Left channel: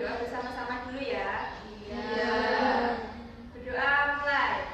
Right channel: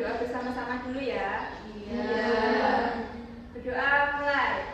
berdoa bersama-sama dulu ya. Iya. Berdoa mulai.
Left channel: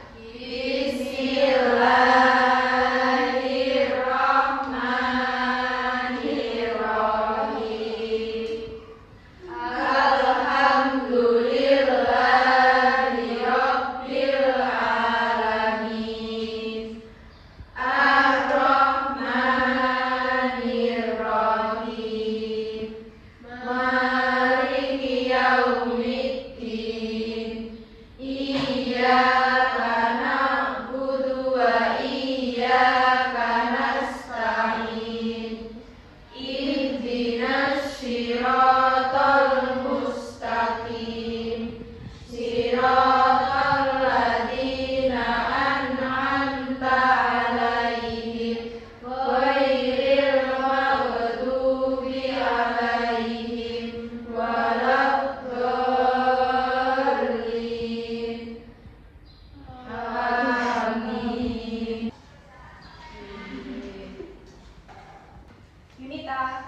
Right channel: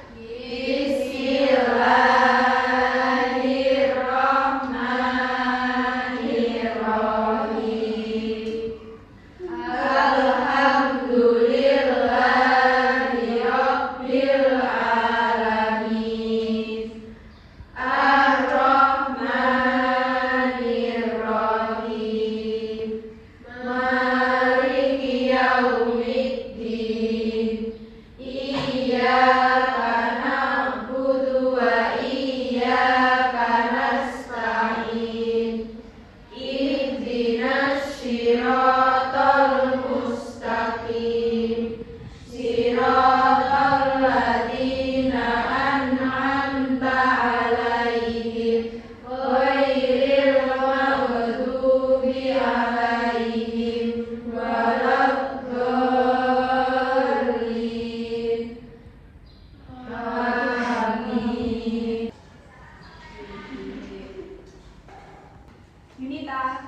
Yunita,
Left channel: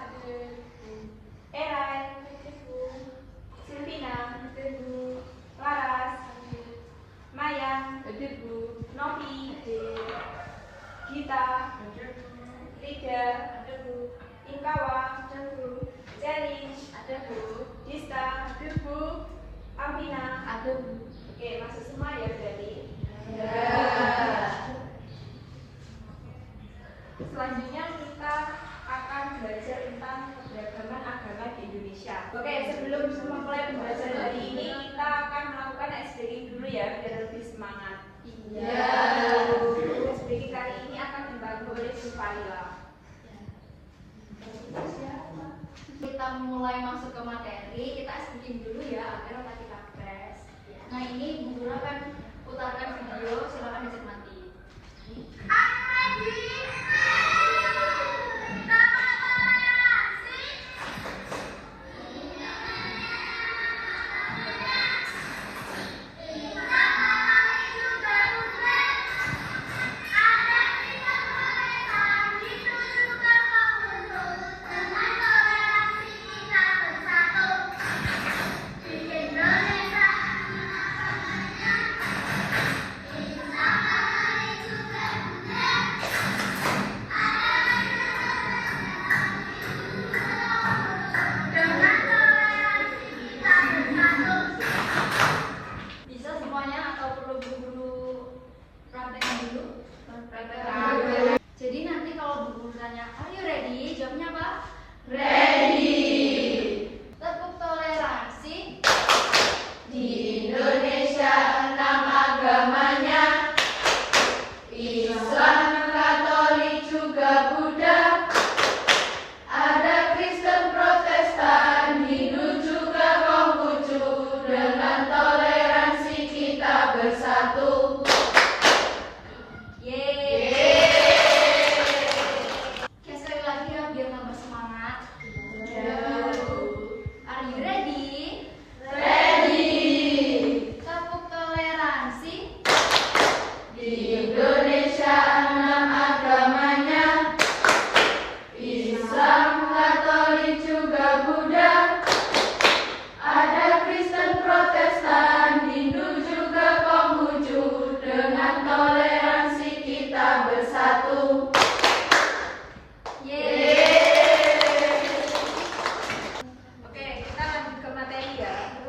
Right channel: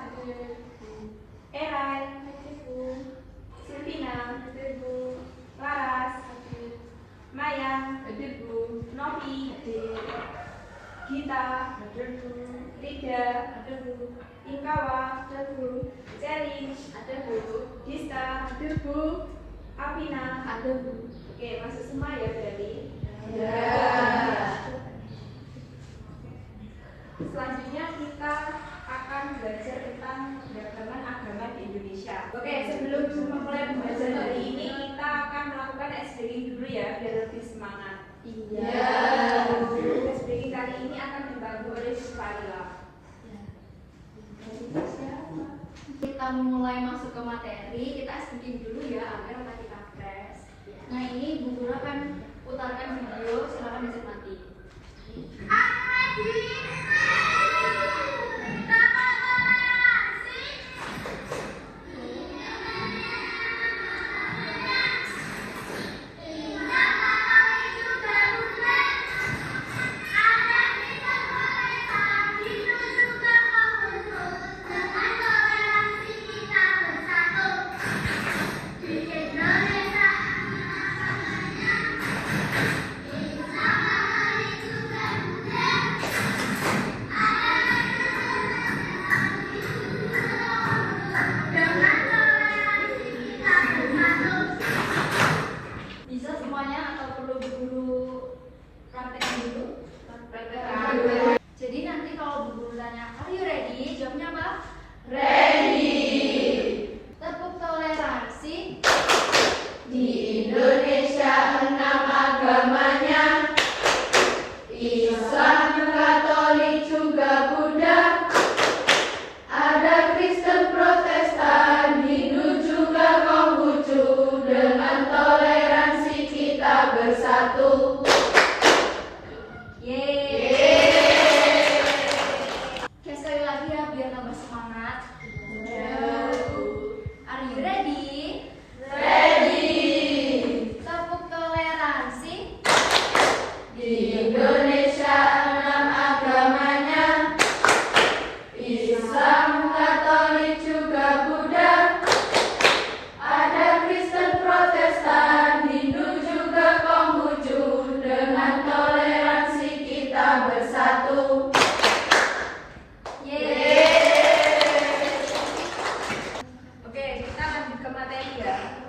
Erai, Silvina, Laras, Maya, Novi, Gita, Rida, Ikawa, Jelly, Dista, Avina. Oke, masuk semua ya jadi. Selanjutnya kita akan belajar tentang keberagaman agama di Indonesia. Oke, sebelum memulai pembelajaran hari ini, kita akan melakukan SBG dulu ya, biar lebih semangat. SBG kali ini akan dibantu oleh Syifaila. Kita mulai masuk ke materi, kita SBG dulu ya agar otak kita fresh. Nah ini Bu Guru akan putarkan video, silakan dicermati. Bisa semuanya atau perlu Bu Guru praktekkan dulu? Jadi nanti kalau Bu Guru tanya, are you ready? Jawabnya apa? Ready. Tepuk toleransi. Di Indonesia 6 agamanya, Islam, Katolik, juga Buddha. Ada Kristen, Protestan, Hindu, juga Konghucu. Dengan toleransi kita bersatu. Oke, sekali lagi ya biar tambah semangat. Are you ready? Ready. Tepuk toleransi. Di Indonesia 6 agamanya, Islam, Katolik, juga Buddha. Ada Kristen, Protestan, Hindu, juga Konghucu. Dengan toleransi kita bersatu. Oke, kita lanjut ke materi ya.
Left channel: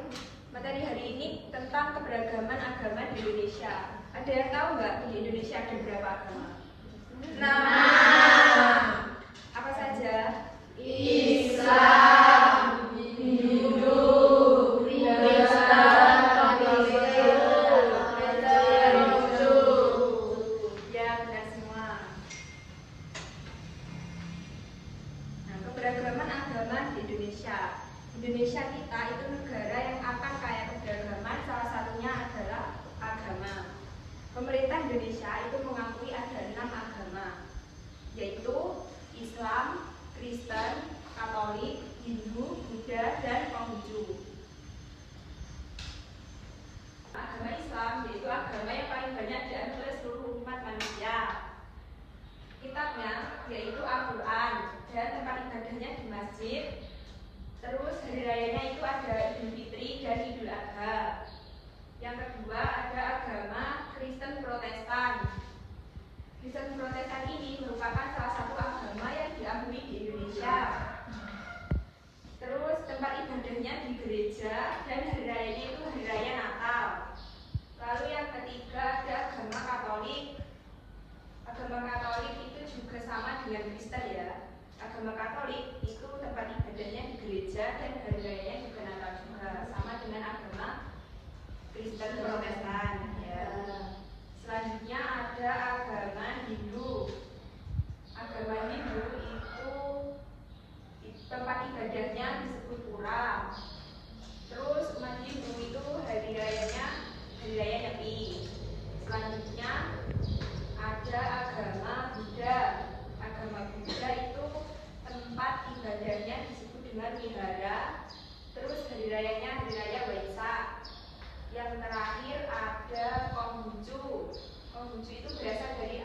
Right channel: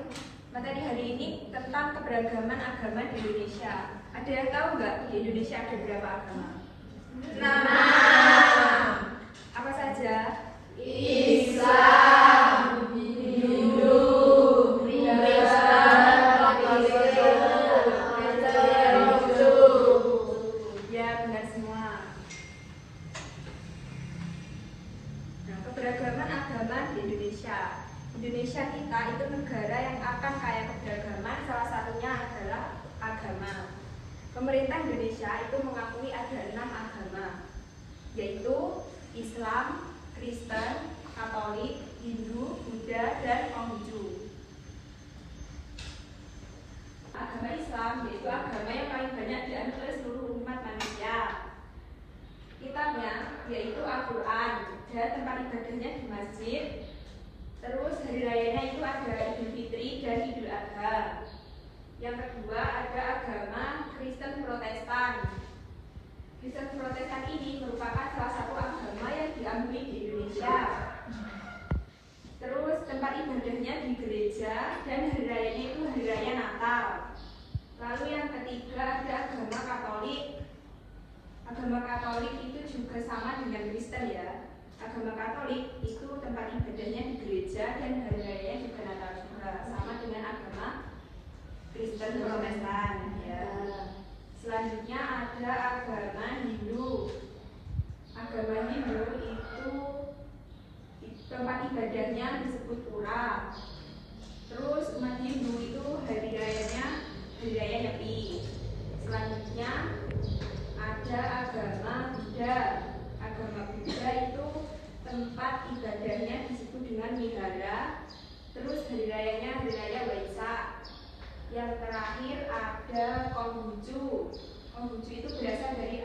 Materi hari ini tentang keberagaman agama di Indonesia. Ada yang tahu nggak di Indonesia ada berapa agama? 6. Apa saja? Islam, Hindu, Kristen, Konghucu. Ya, benar semua. Nah, keberagaman agama di Indonesia. Indonesia kita itu negara yang akan kaya keberagaman, salah satunya adalah agama. Pemerintah Indonesia itu mengakui ada 6 agama, yaitu Islam, Kristen, Katolik, Hindu, Buddha, dan Konghucu. Agama Islam yaitu agama yang paling banyak dianut oleh seluruh umat manusia. Kitabnya yaitu Al-Quran, dan tempat ibadahnya di masjid. Terus hari rayanya itu ada Idul Fitri, gereja, dan hari rayanya itu hari raya Natal. Lalu yang ketiga ada agama Katolik. Agama Katolik itu juga sama dengan Kristen ya. Agama Katolik itu tempat ibadahnya di gereja dan hari rayanya juga Natal juga, sama dengan agama Kristen Protestan ya. Selanjutnya ada agama Hindu. Agama Hindu itu tempat ibadahnya disebut pura. Terus umat Hindu itu hari rayanya hari raya Nyepi. Selanjutnya ada agama Buddha. Agama Buddha itu tempat ibadahnya disebut dengan wihara. Terus hari rayanya hari raya Waisak. Yang terakhir ada Konghucu. Konghucu itu berasal dari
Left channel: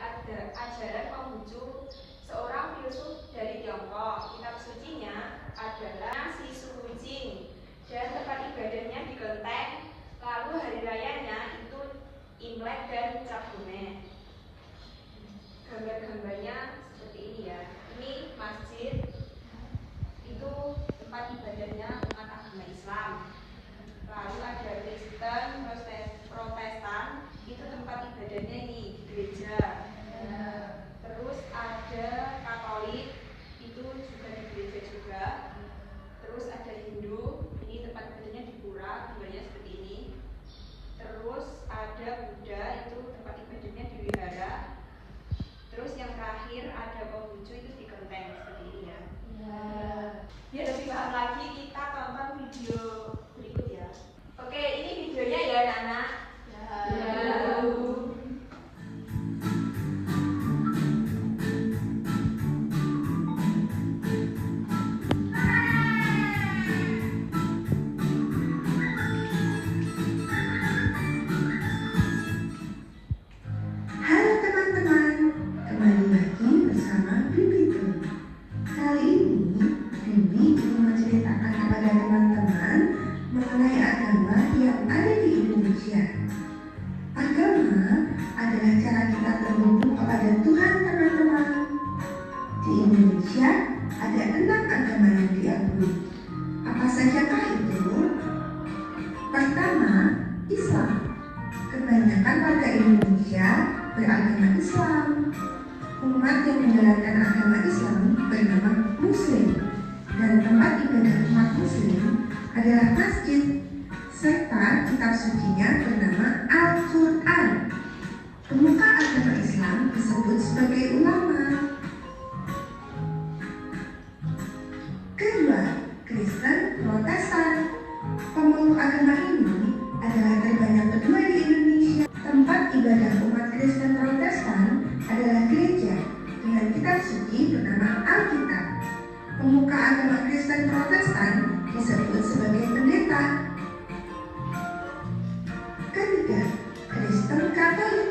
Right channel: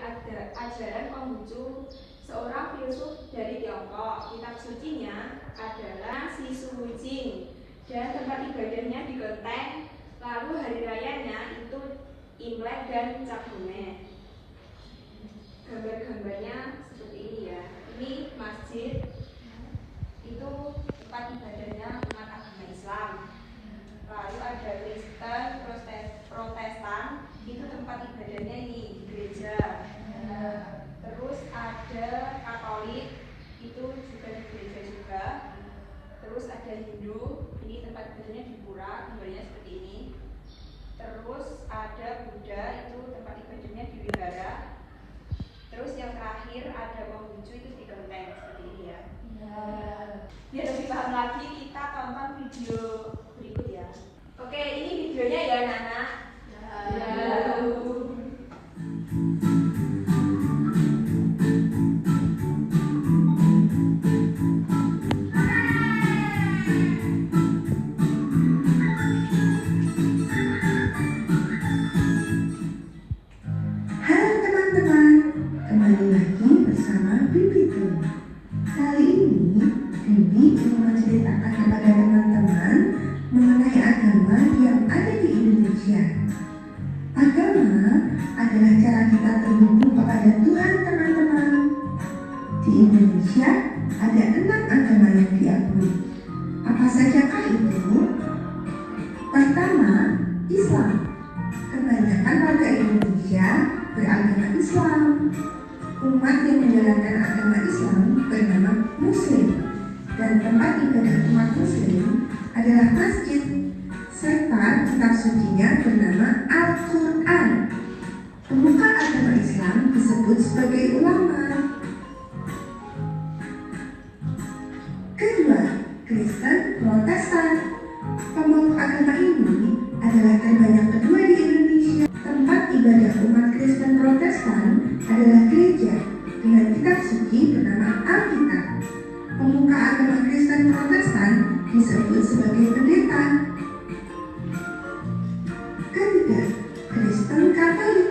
ajaran Konghucu, seorang filsuf dari Tiongkok. Kitab sucinya adalah Si Suwujing dan tempat ibadahnya di Kelenteng. Lalu hari rayanya itu Imlek dan Cap Gomeh. Gambar-gambarnya seperti ini ya. Ini masjid, itu tempat ibadahnya umat agama Islam. Lalu ada Kristen, Protestan, itu tempat ibadahnya ini di gereja. Terus ada Katolik, itu juga di gereja juga. Terus ada Hindu, ini tempat ibadahnya di pura, gambarnya seperti ini. Terus ada Buddha, itu tempat ibadahnya di wihara. Terus yang terakhir ada Konghucu, itu di kelenteng seperti ini ya. Biar lebih paham lagi, kita tonton video berikut ya. Oke, ini videonya ya Nana. Halo teman-teman, kembali lagi bersama Bibi Tun. Kali ini Bibi ingin menceritakan kepada teman-teman mengenai agama yang ada di Indonesia. Agama adalah cara kita terhubung kepada Tuhan, teman-teman. Di Indonesia ada 6 agama yang diakui. Apa sajakah itu? Pertama, Islam. Kebanyakan warga Indonesia beragama Islam. Umat yang menjalankan agama Islam bernama Muslim, dan tempat ibadah umat Muslim adalah masjid, serta kitab sucinya bernama Al-Quran. Pemuka agama Islam disebut sebagai ulama. Kedua, Kristen Protestan. Pemeluk agama ini adalah terbanyak kedua di Indonesia. Tempat ibadah umat Kristen Protestan adalah gereja dengan kitab suci bernama Alkitab. Pemuka agama Kristen Protestan disebut sebagai pendeta. Ketiga, Kristen Katolik.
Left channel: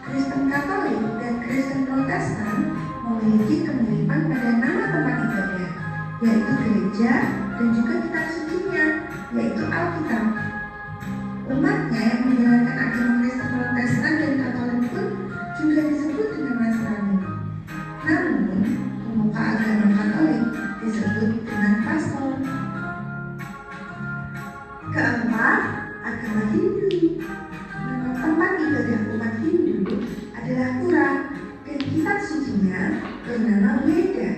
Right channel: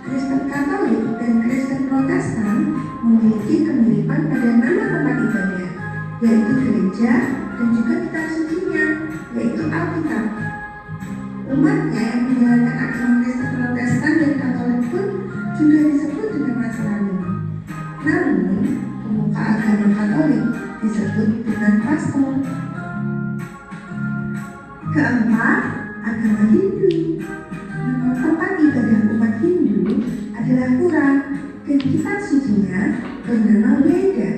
Kristen Katolik dan Kristen Protestan memiliki kemiripan pada nama tempat ibadah, yaitu gereja dan juga kitab sucinya, yaitu Alkitab. Umatnya yang menjalankan agama Kristen Protestan dan Katolik pun juga disebut dengan Nasrani. Namun, pemuka agama Katolik disebut dengan pastor. Keempat, agama Hindu. Nama tempat ibadah umat Hindu adalah pura, dan kitab sucinya bernama Weda.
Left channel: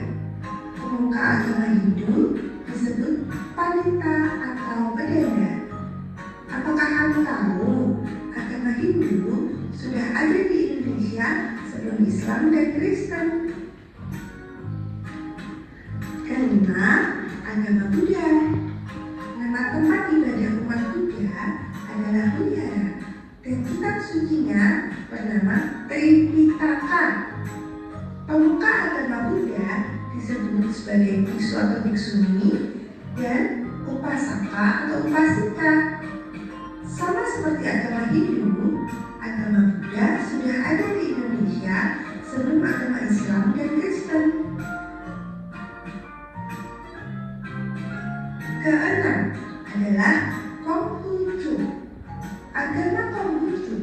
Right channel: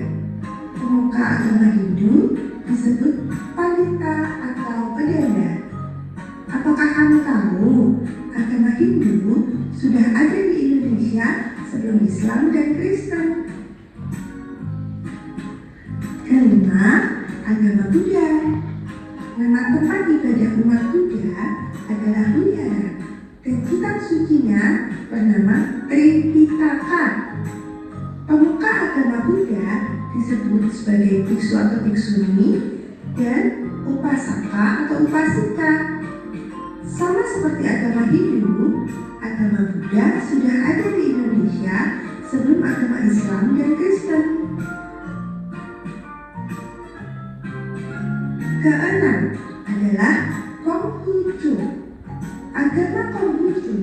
Pemuka agama Hindu disebut Panita atau Pedanda. Apakah kamu tahu agama Hindu sudah ada di Indonesia sebelum Islam dan Kristen? Kelima, agama Buddha. Nama tempat ibadah umat Buddha adalah wihara, dan kitab sucinya bernama Tripitaka. Pemuka agama Buddha disebut sebagai biksu atau biksuni dan upasaka atau upasika. Sama seperti agama Hindu, agama Buddha sudah ada di Indonesia sebelum agama Islam dan Kristen. Keenam adalah Konghucu. Agama Konghucu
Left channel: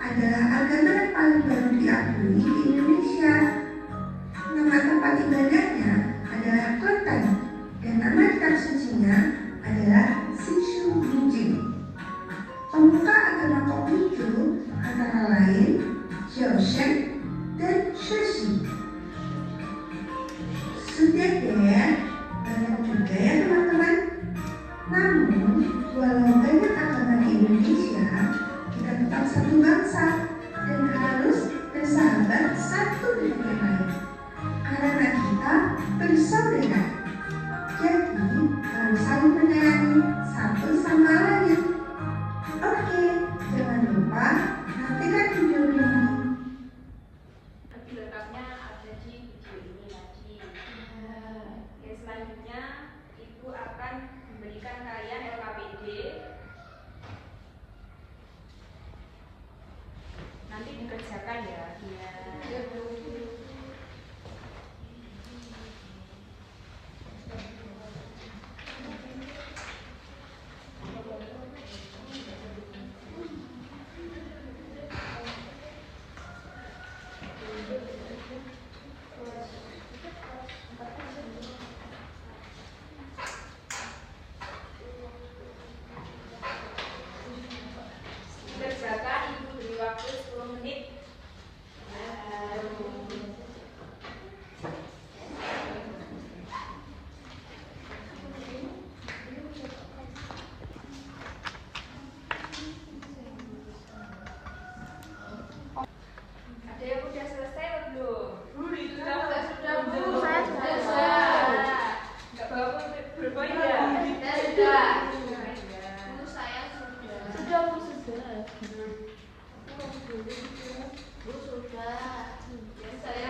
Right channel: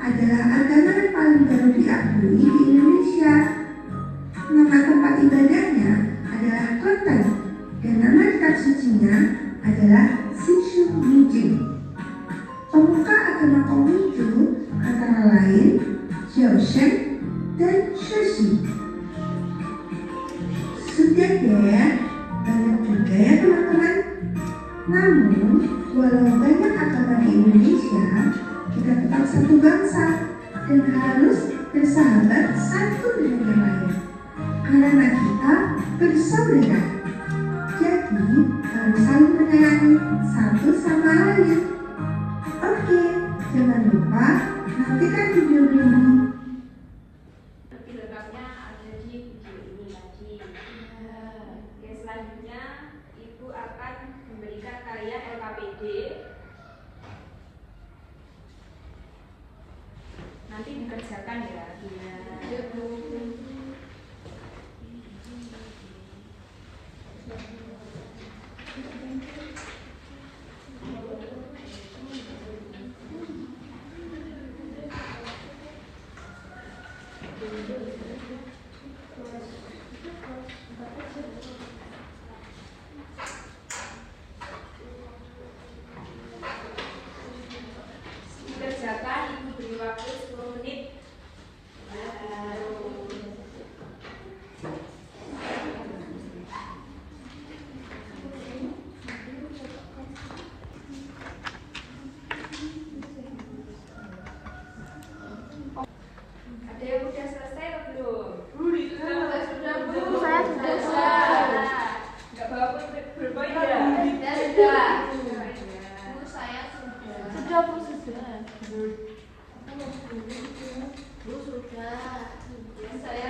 adalah agama yang paling baru diakui di Indonesia. Nama tempat ibadahnya adalah Kelenteng, dan nama kitab sucinya adalah Si Roshan, dan Shashi. Sudah ya, banyak juga ya teman-teman. Namun, walau banyak agama di Indonesia, kita tetap satu bangsa dan harus bersahabat satu dengan yang lain. Karena kita bersaudara. Jadi, harus saling menyayangi satu sama lain. Oke, jangan lupa nantikan video ini. Nanti lengkapnya ada di video ini tadi. Yang selanjutnya Ibu akan memberikan kalian LKPD. Nanti dikerjakan ya. Iya, Bu. Dikerjakan, Ibu beri waktu 10 menit. Ada yang udah selesai atau belum? Sudah, Bu. Saya sudah. Nggak bawa pulpen ya? Sudah. Bu, saya sudah. Sudah, Bu, sudah. Bu, sudah. Saya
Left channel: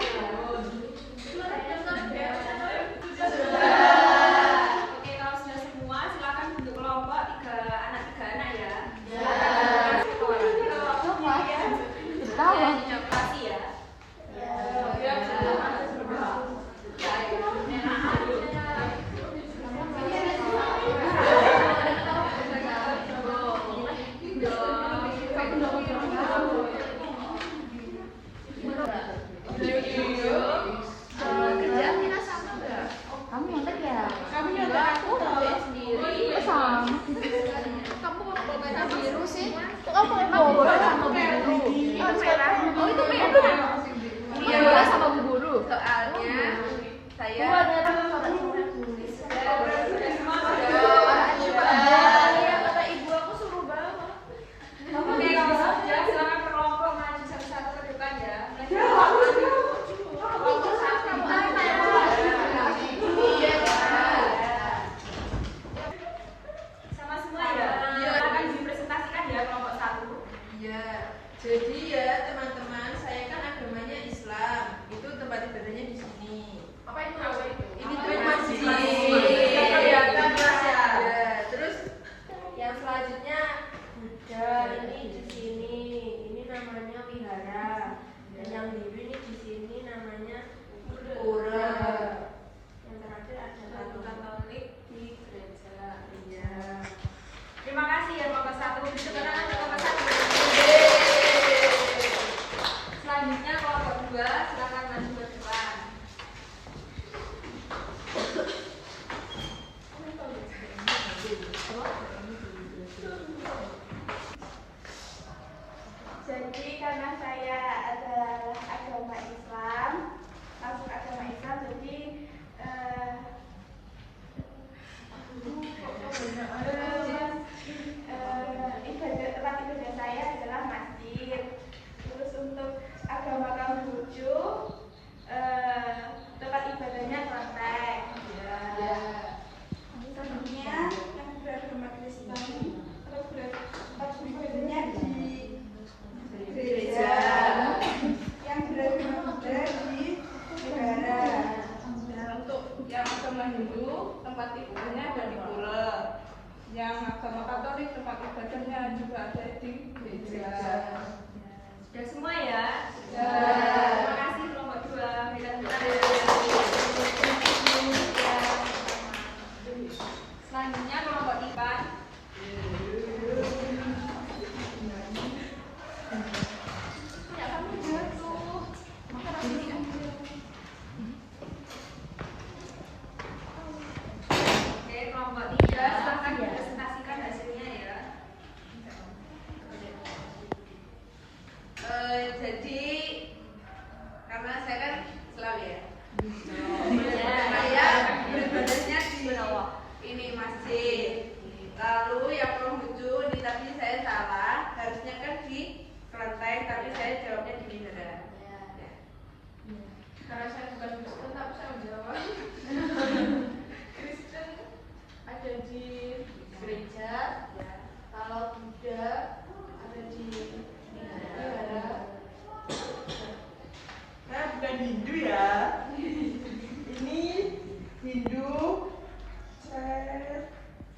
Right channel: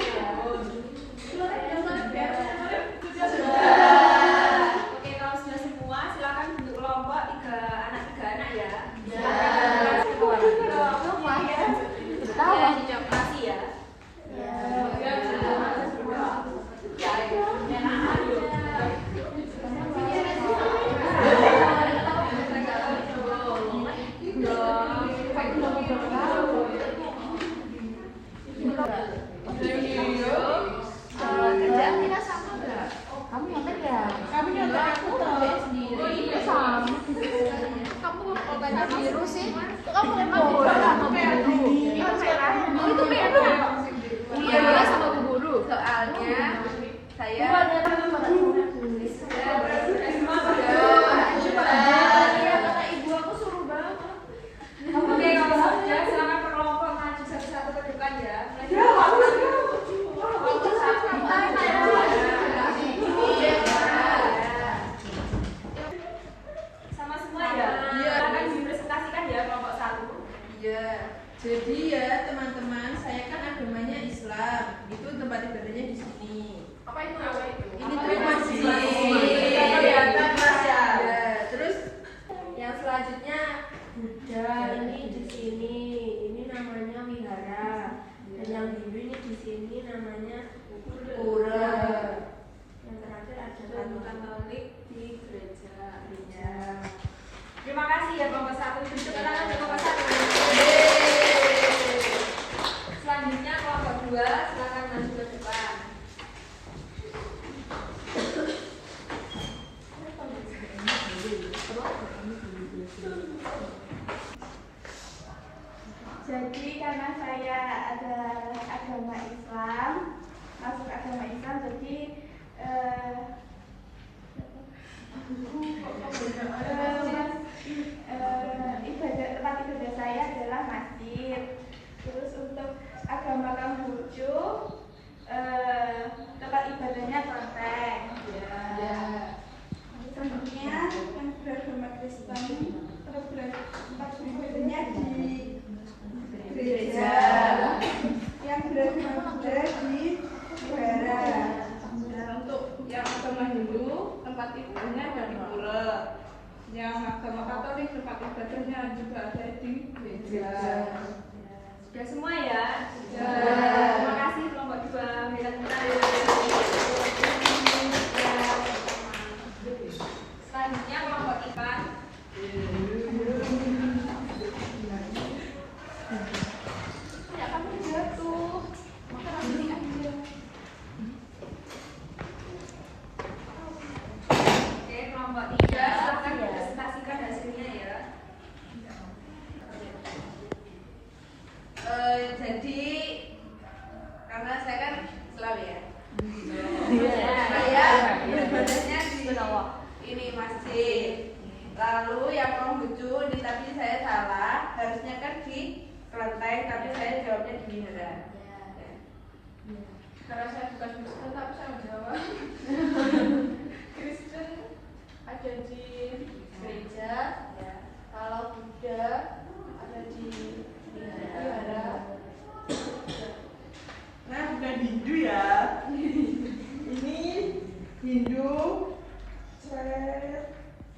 Oke, kalau sudah semua, silakan bentuk kelompok 3 anak ya. Ya. Ketawa. Kasih ya. Kamu nyontek ya? Kamu nyontek aku mau Sendiri. sama. Kamu kotanya biru sih. Kamu emang boleh sama Bu Guru. Itu merah. Oh, itu merah. Iya, boleh sama Bu Guru. Soalnya saya kata ibu aku suruh banget. Oke, kalau sudah, silakan berkelompok maju satu-satu ke depan ya. Kelompok satu. Sama semua ya. Iya. Akan dipresentasikan ya kelompok 1. Iya, jadi ya teman-teman, saya kan agamanya Islam. Itu tempat ibadahnya di sini. Ini tuh masjid. Iya. Ya, terus Yang selanjutnya Buddha, ini di sini. Ini namanya wihara. Dan yang biru ini di sini namanya pura. Yang terakhir ada Katolik di gereja. Iya. Terima kasih ya kelompok 1. Beri tepuk tangan untuk kelompok 1. Selanjutnya kelompok 2, silakan maju ke depan. Jadi karena saya adalah agama Islam, masuk agama Islam, jadi tempat ibadah saya adalah masjid. Terus untuk agama Konghucu, tempat ibadahnya kelenteng. ya. Selanjutnya yang beragama Kristen, tempat beribadahnya di gereja. Yang beragama Buddha di wihara. Nah, untuk yang agama Hindu, tempat ibadahnya ada di pura. Yang agama Katolik, tempat ibadahnya juga ada di gereja. Sudah semua ya? Sudah. Terima kasih kelompok 2. Berikan tepuk tangan. Selanjutnya kelompok 4. Oke, kelompok 3, silakan dipresentasikan hasilnya ya. Jadi ini masjid. Lalu yang Konghucu ini tapi saya salah, harusnya kan di kelenteng tapi saya jawabnya di wihara. Karena saya bukan Kristen tapi saya menjawab. Kristen ada di gereja, kalau Buddha ada di wihara. Nah, bukan Hindu ya. Ini Hindu, saya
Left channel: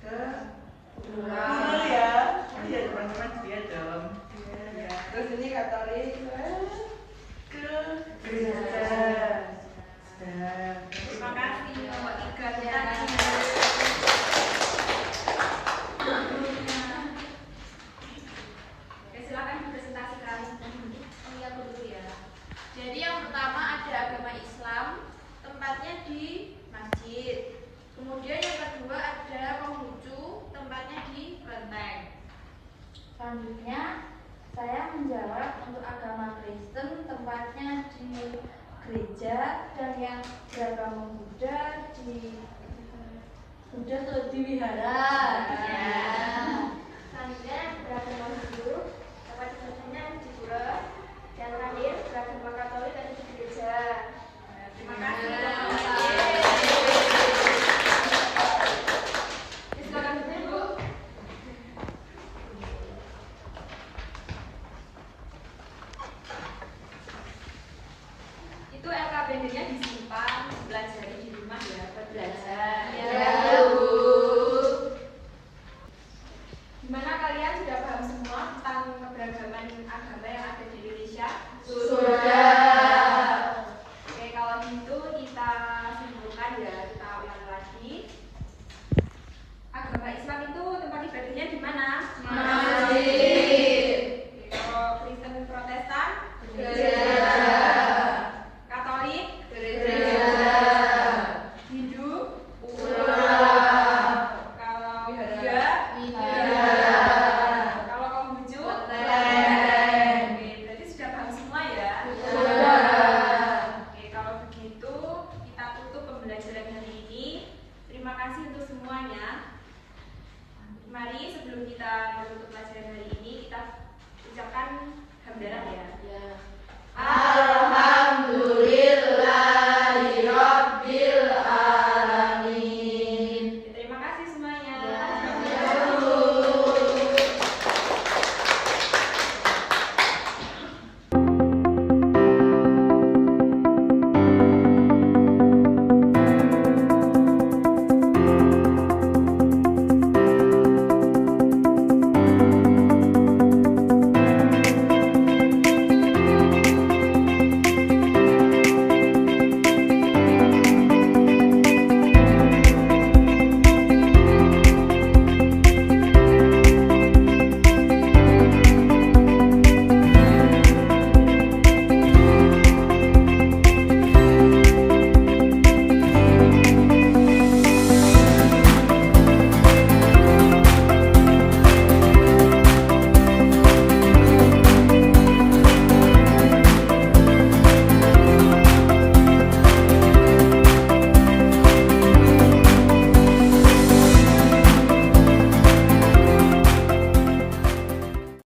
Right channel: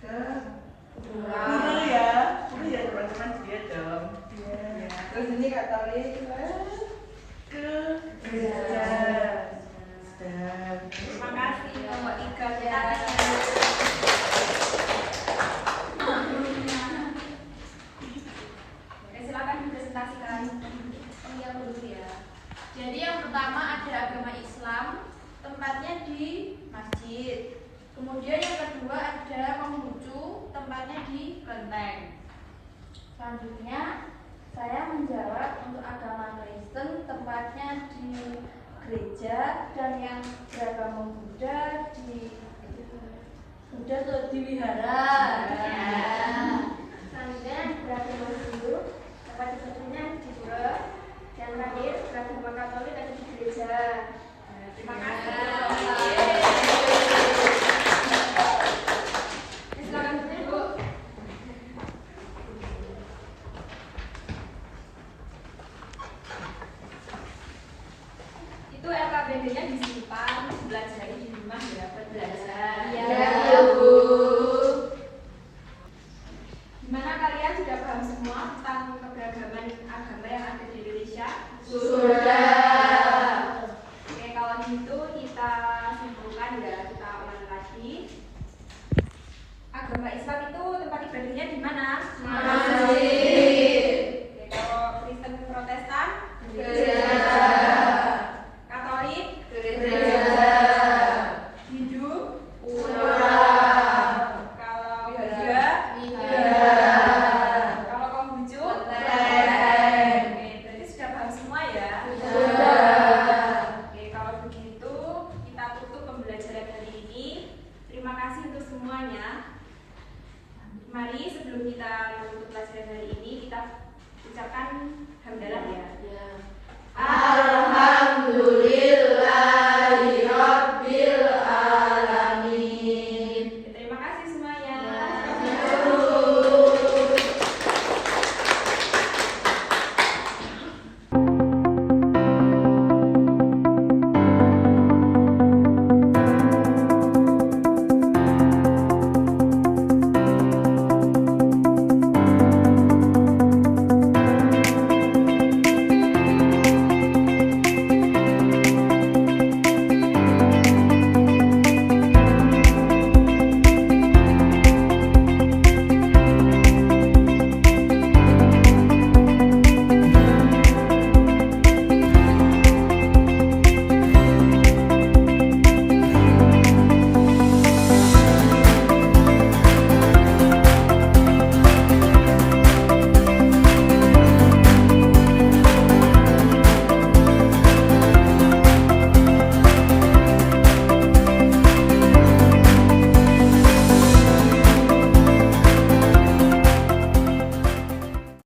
ke Pura ya. Pura ya teman-teman dia dong. Ya. Terus ini Katolik ke gereja. Terima kasih Mbak Ika ya. Oke, silakan dipresentasikan. Oh iya, dulu ya. Jadi yang pertama ada agama Islam, tempatnya di masjid. Kemudian yang kedua ada Konghucu, tempatnya di kelenteng. Selanjutnya saya menjawab untuk agama Kristen, tempatnya di gereja, dan yang beragama Buddha di wihara. Ya. Selanjutnya beragama Hindu, tempat ibadahnya di pura. Dan terakhir beragama Katolik tadi di gereja. Terima kasih. Silakan Bu. Itu LKPD-nya disimpan, belajari di rumah ya, belajar. Iya, Bu. Gimana kalian sudah paham semua tentang keberagaman agama yang ada di Indonesia? Sudah. Oke, kalau gitu kita simpulkan ya, kita ulang lagi. Agama Islam itu tempat ibadahnya di mana? Masjid. Oke, kalau Kristen Protestan? Gereja. Katolik? Gereja. Hindu? Pura. Kalau Buddha? Wihara. Kalau Konghucu? Kelenteng. Oke, berarti sudah paham semua ya? Sudah. Oke, kalau begitu kita tutup pembelajaran hari ini. Terima kasih untuk semuanya. Mari sebelum kita menutup pelajaran hari ini kita ucapkan hamdalah ya.